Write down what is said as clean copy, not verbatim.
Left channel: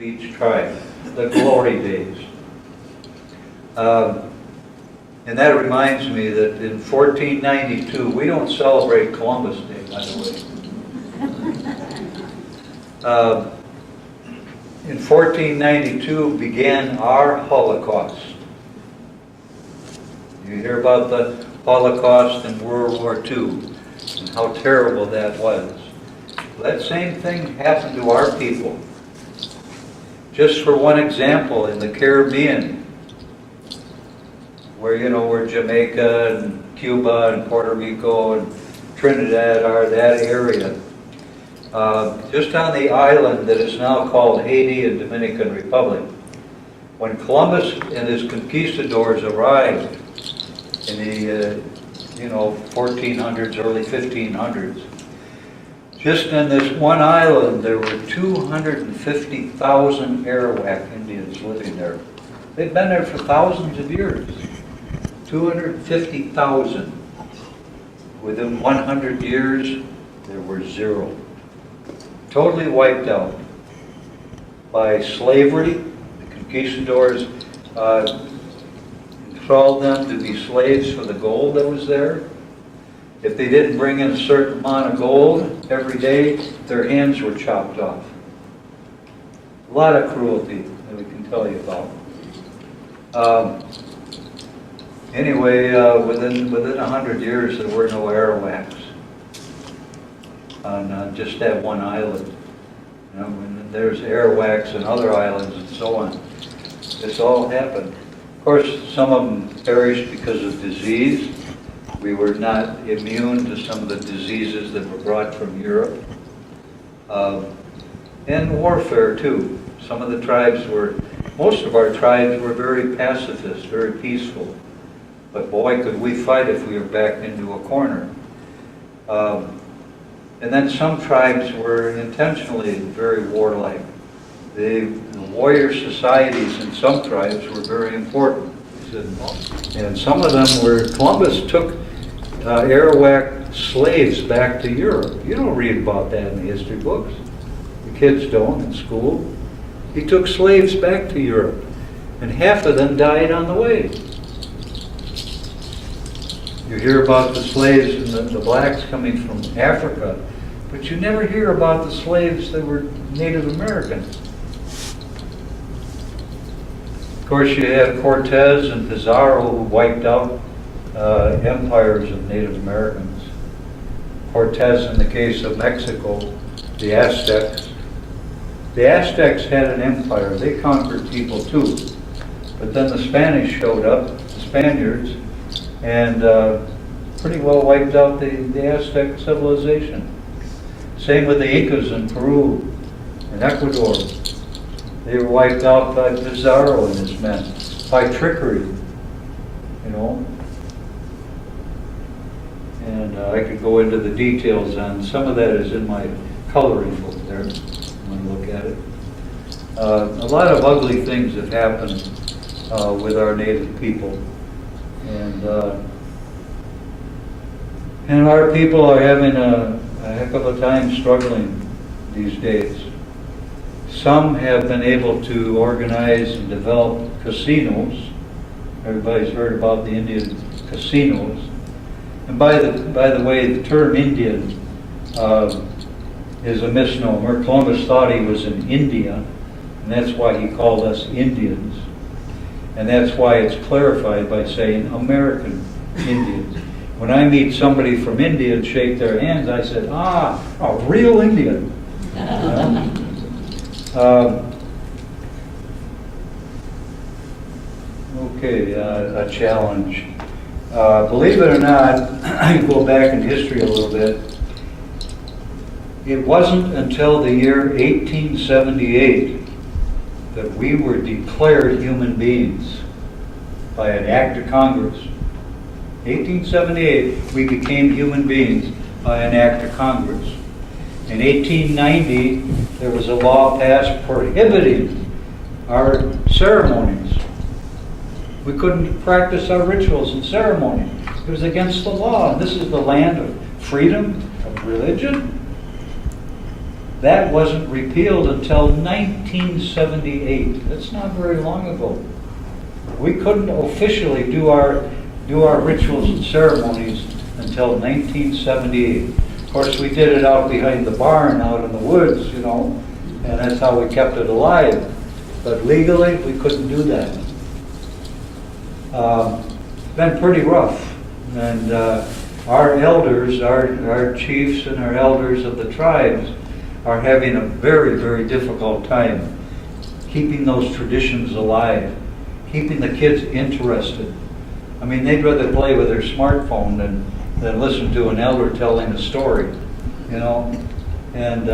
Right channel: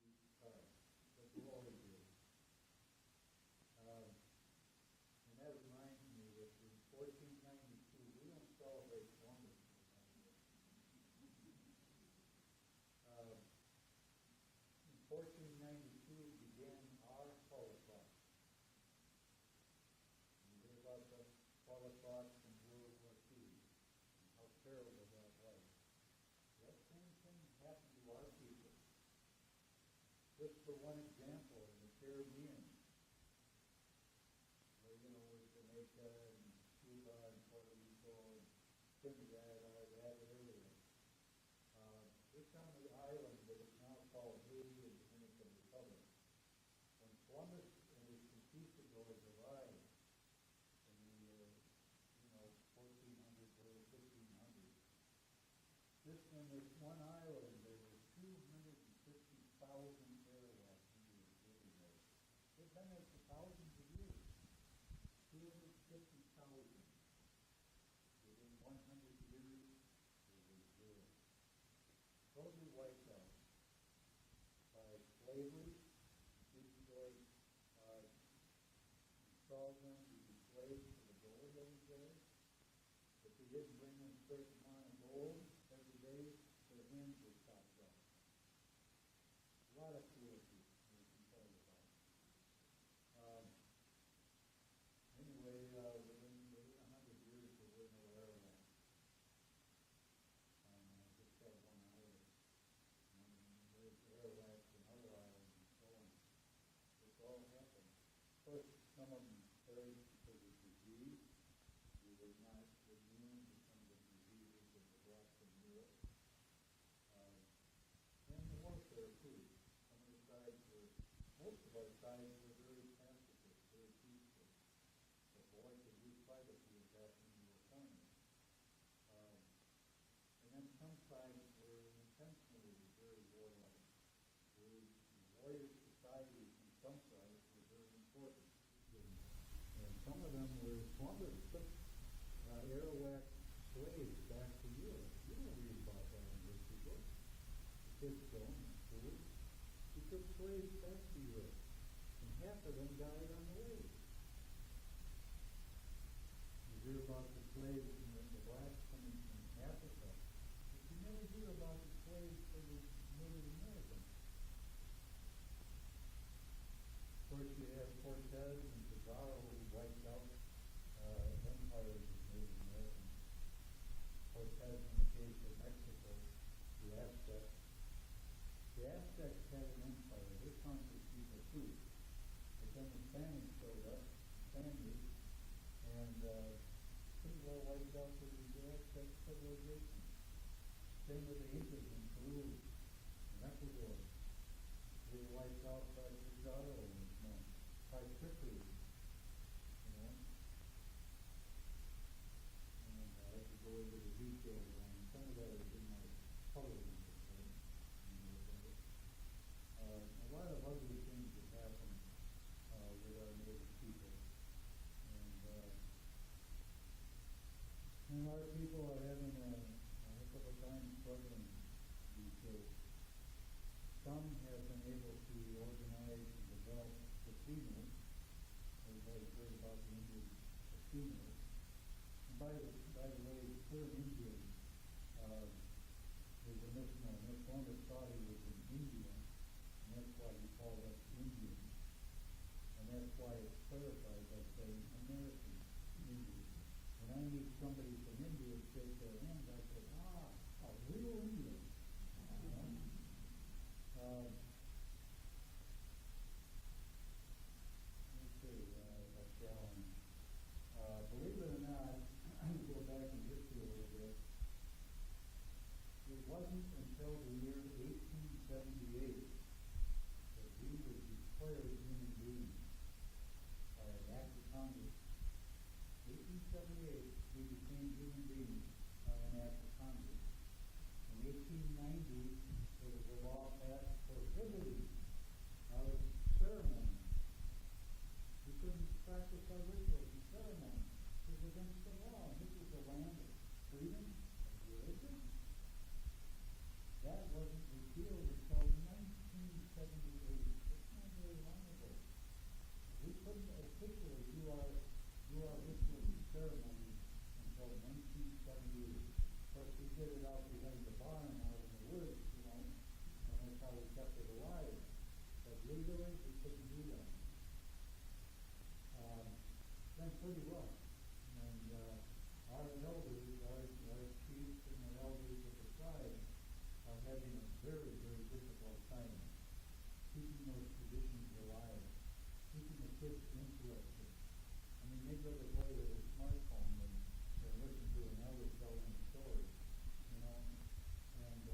of each tribe, the glory days. And that reminds me that in 1492, we don't celebrate Columbus Day, by the way. In 1492 began our Holocaust. You hear about the Holocaust in World War II and how terrible that was. That same thing happened to our people. Just for one example, in the Caribbean, where Jamaica and Cuba and Puerto Rico and Trinidad are, that area. Just on the island that is now called Haiti and Dominican Republic, when Columbus and his conquistadors arrived in the 1400s, early 1500s, just in this one island there were 250,000 Arawak Indians living there. They've been there for thousands of years. 250,000. Within 100 years, there were zero. Totally wiped out by slavery. The conquistadors enthralled them to be slaves for the gold that was there. If they didn't bring in a certain amount of gold every day, their hands were chopped off. A lot of cruelty that we can tell you about. Anyway, within 100 years, there were no Arawaks on just that one island. And there's Arawaks and other islands and so on. This all happened. Of course, some of them perished because of disease. We were not immune to some of the diseases that were brought from Europe. And warfare, too. Some of the tribes most of our tribes were very pacifist, very peaceful. But boy, could we fight if we were backed into a corner. And then some tribes were intentionally very warlike. The warrior societies in some tribes were very important. And some of them Columbus took Arawak slaves back to Europe. You don't read about that in the history books. The kids don't in school. He took slaves back to Europe, and half of them died on the way. You hear about the slaves and the blacks coming from Africa, but you never hear about the slaves that were Native Americans. Of course, you had Cortez and Pizarro who wiped out empires of Native Americans. Cortez, in the case of Mexico, the Aztecs. The Aztecs had an empire. They conquered people too. But then the Spanish showed up, the Spaniards, and pretty well wiped out the Aztec civilization. Same with the Incas in Peru and Ecuador. They were wiped out by Pizarro and his men, by trickery, And I could go into the details on some of that is in my coloring book there. You want to look at it. A lot of ugly things have happened with our native people, and our people are having a heck of a time struggling these days. Some have been able to organize and develop casinos. Everybody's heard about the Indian casinos. And by the way, the term Indian is a misnomer. Columbus thought he was in India, and that's why he called us Indians. And that's why it's clarified by saying American Indians. When I meet somebody from India and shake their hands, I said, a real Indian. Okay, a challenge. Believe it or not, I go back in history a little bit. It wasn't until the year 1878 that we were declared human beings by an act of Congress. 1878, we became human beings by an act of Congress. In 1890, there was a law passed prohibiting our ceremonies. We couldn't practice our rituals and ceremony. It was against the law. And this is the land of freedom of religion. That wasn't repealed until 1978. That's not very long ago. We couldn't officially do our rituals and ceremonies until 1978. Of course, we did it out behind the barn, out in the woods, you know, and that's how we kept it alive. But legally, we couldn't do that. Been pretty rough. And our elders, our chiefs and our elders of the tribes are having a very, very difficult time keeping those traditions alive, keeping the kids interested. I mean, they'd rather play with their smartphone than listen to an elder telling a story, you know. And